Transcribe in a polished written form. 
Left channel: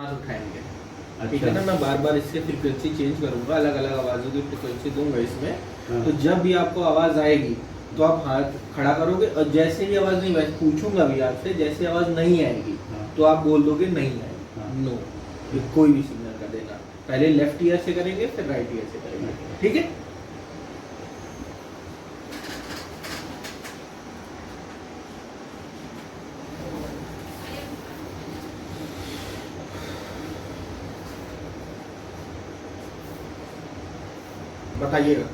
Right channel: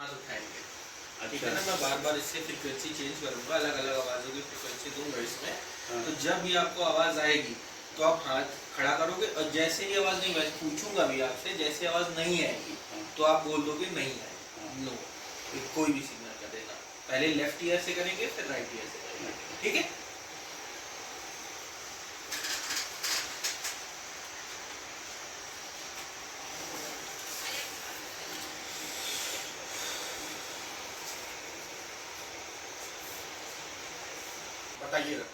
हाथ उठाएंगे। ठीक अच्छा। है ना, मैं बार बार इससे फ्रीक्वेंसी चेंज करूंगा, अलग अलग आवाज़ों की फ्रीक्वेंसी दूंगा इसमें। हाँ। तो जब भी आपको आवाज़ आएगी तो आप हाथ खड़ा करोगे, और जैसे ही आवाज़ नहीं, वैसे पूछूंगा भी आपसे, जैसे आवाज़ नहीं आएगी हाँ। तो आप बोल दोगे नहीं हाँ। आएगी, नो, कोई भी सिग्नल का देना। पहले लेफ्ट ईयर से करेंगे, फिर राइट ईयर से करेंगे, ठीक है। बताइएगा।